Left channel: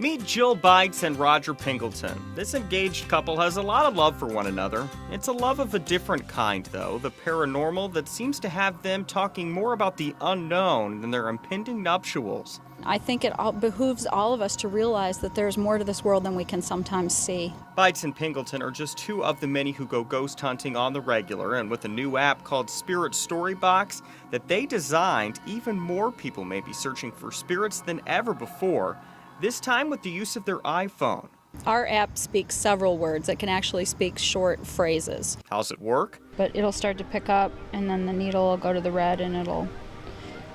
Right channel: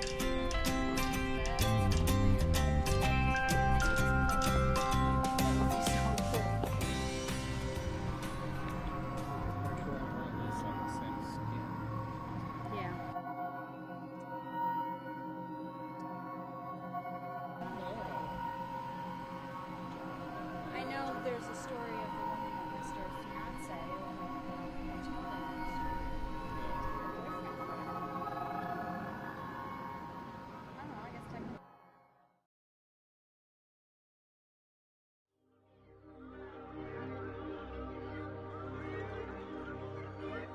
Meet Jill Bites and Roger Pingleton. This engaged couple has a lot of love for one another. It's a love of a different kind, though, the paranormal that seems to have them talking more about the unknown than their impending nuptials. I think it behooves all of us to realize that there's more to this world than we can sometimes see. Bites and Pingleton are just two of the many who go ghost hunting on the regular, and with a new app called Spirit Storybox that they designed, even more people may be searching for spirits than ever before, this time with the use of their iPhone. Our app speaks several words. It can actually speak short phrases. How's it work? But it'll start to pick up, and then the needle will go to the red, and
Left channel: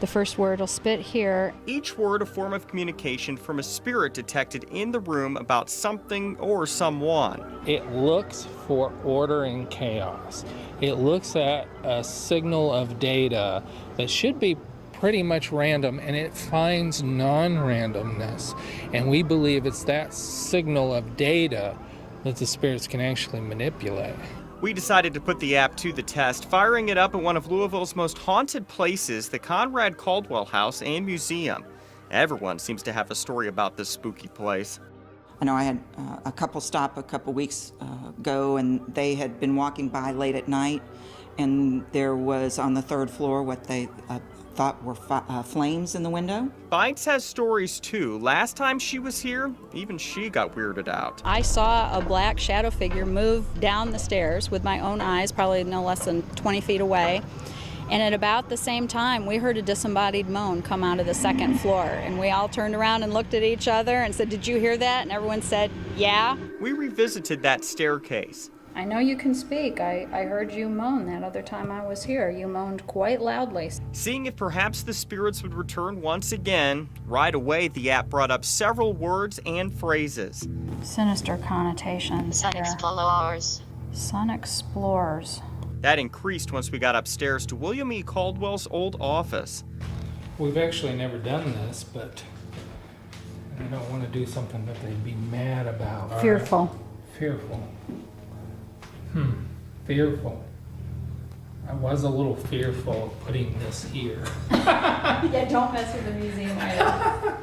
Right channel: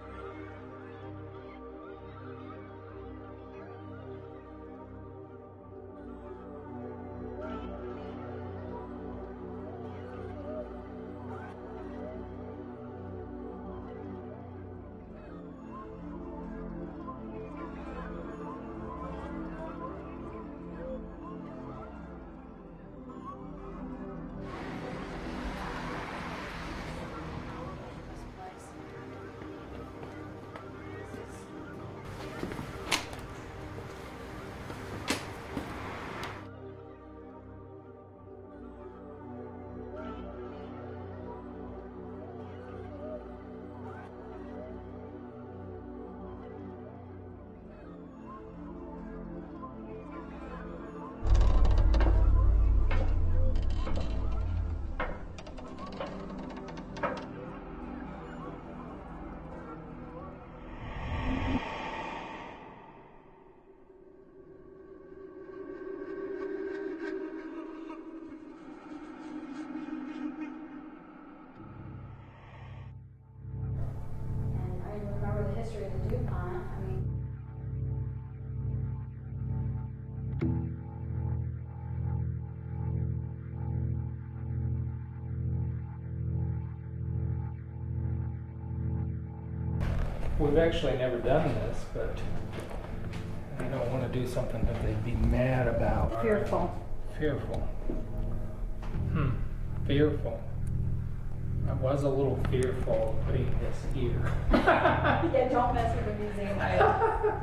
the first word will spit here. Each word a form of communication from a spirit detected in the room about something or someone. It looks for order and chaos. It looks at a signal of data that should be pretty much random, and it finds non-randomness. And we believe it's that signal of data that the spirits can actually manipulate. We decided to put the app to the test, firing it up at one of Louisville's most haunted places, the Conrad Caldwell House and Museum. Everyone seems to have a story about this spooky place. I know I had a couple stop a couple weeks ago, and they had been walking by late at night, and there was on the third floor what they thought were flames in the window. Bites has stories too. Last time she was here, even she got weirded out. I saw a black shadow figure move down the stairs with my own eyes, probably no less than 20 feet away. And at about the same time, we heard a disembodied moan come out of the second floor. And we all turned around and looked at each other and said, "Did you hear that?" And everyone said, "Yeah." We revisited that staircase. I know you can speak. I heard you moan that other time I was here. You moaned quite loudly. Seeing if perhaps the spirits would return once again, right away the app brought up several words and phrases. Sinister connotations. Sun here. explorers. Sun explorers. That increased once we got upstairs to William E. Caldwell's old office. We've actually never done this, but we don't want to do something that they'd be mad about. Fearful. Fearful. Fearful. I was a little fearful putting this here. Yeah, don't mess with the museum item.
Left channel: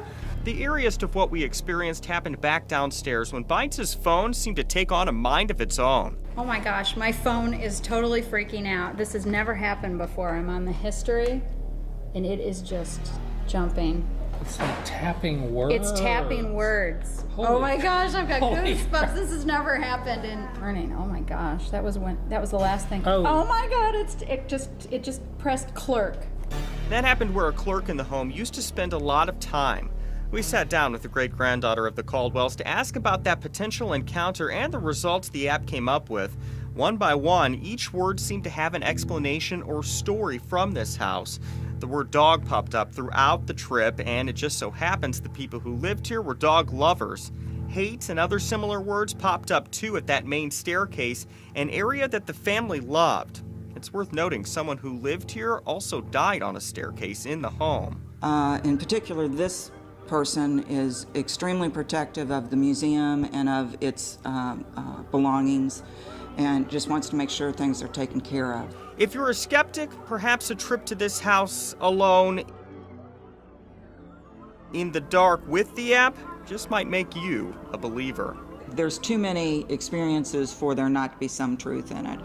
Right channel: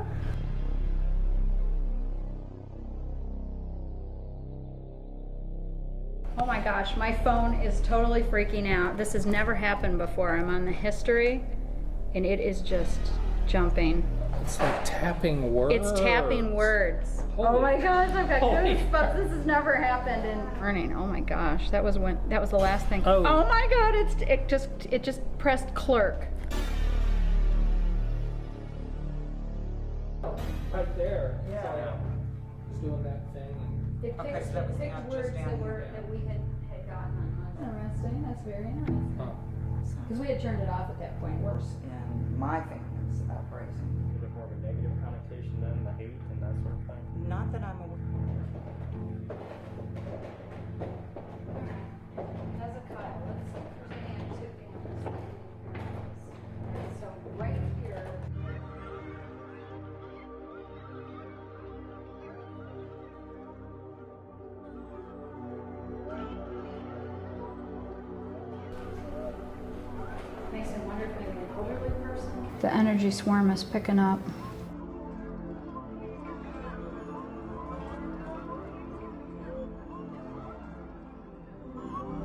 The eeriest of what we experienced happened back downstairs when Bites' phone seemed to take on a mind of its own. Oh my gosh, my phone is totally freaking out. This has never happened before. I'm on the history, and it is just jumping. It's like tapping words. It's tapping words. Oh my gosh, I've got goosebumps. This has never happened in learning. Oh my gosh, that was the last thing. Oh. Oh my god, it just pressed clerk. That happened where a clerk in the home used to spend a lot of time. We sat down with the great-granddaughter of the Caldwells to ask about that potential encounter and the results the app came up with. One by one, each word seemed to have an explanation or story from this house. The word dog popped up throughout the trip, and it just so happens the people who lived here were dog lovers. Hate and other similar words popped up too at that main staircase, an area that the family loved. It's worth noting someone who lived here also died on a staircase in the home. In particular, this person is extremely protective of the museum and of its belongings, and just wants to make sure things are taken care of. If you're a skeptic, perhaps a trip to this house alone The energy swarm is picking up. in the dark with the app just might make you a believer. There's too many experiences for there not to be some truth in it.